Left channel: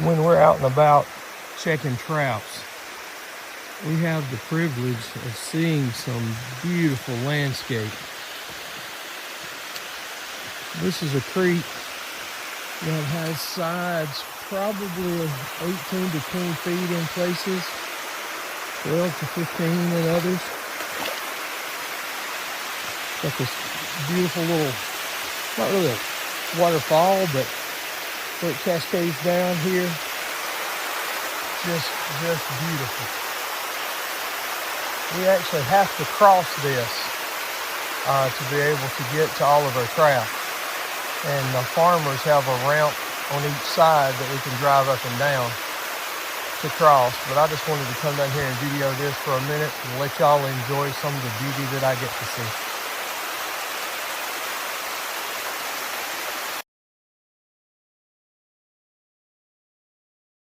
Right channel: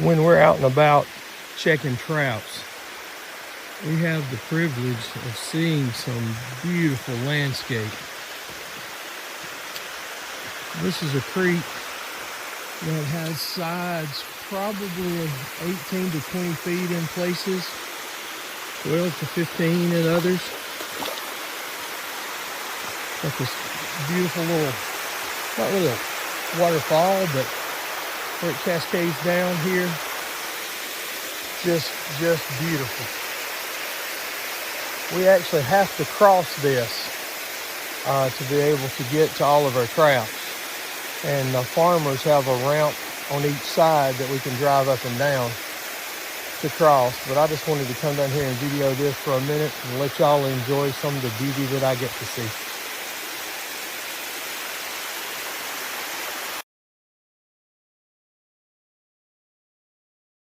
when we're out and about checking trouts, we have the privilege of seeing some beautiful landscape. This is a creek that has sides probably 18 to 20 feet in places, 12 to 15 in others. Got this beautiful little, not really a waterfall, but where it cascades down here. Just beautiful. We actually have to cross this to be able to get to all of our trout. And the farmers have a ramp on each side that we can drive up and down to cross. But I just wanted to come down here and video this for a minute and let y'all enjoy some of the beauty that I get to see.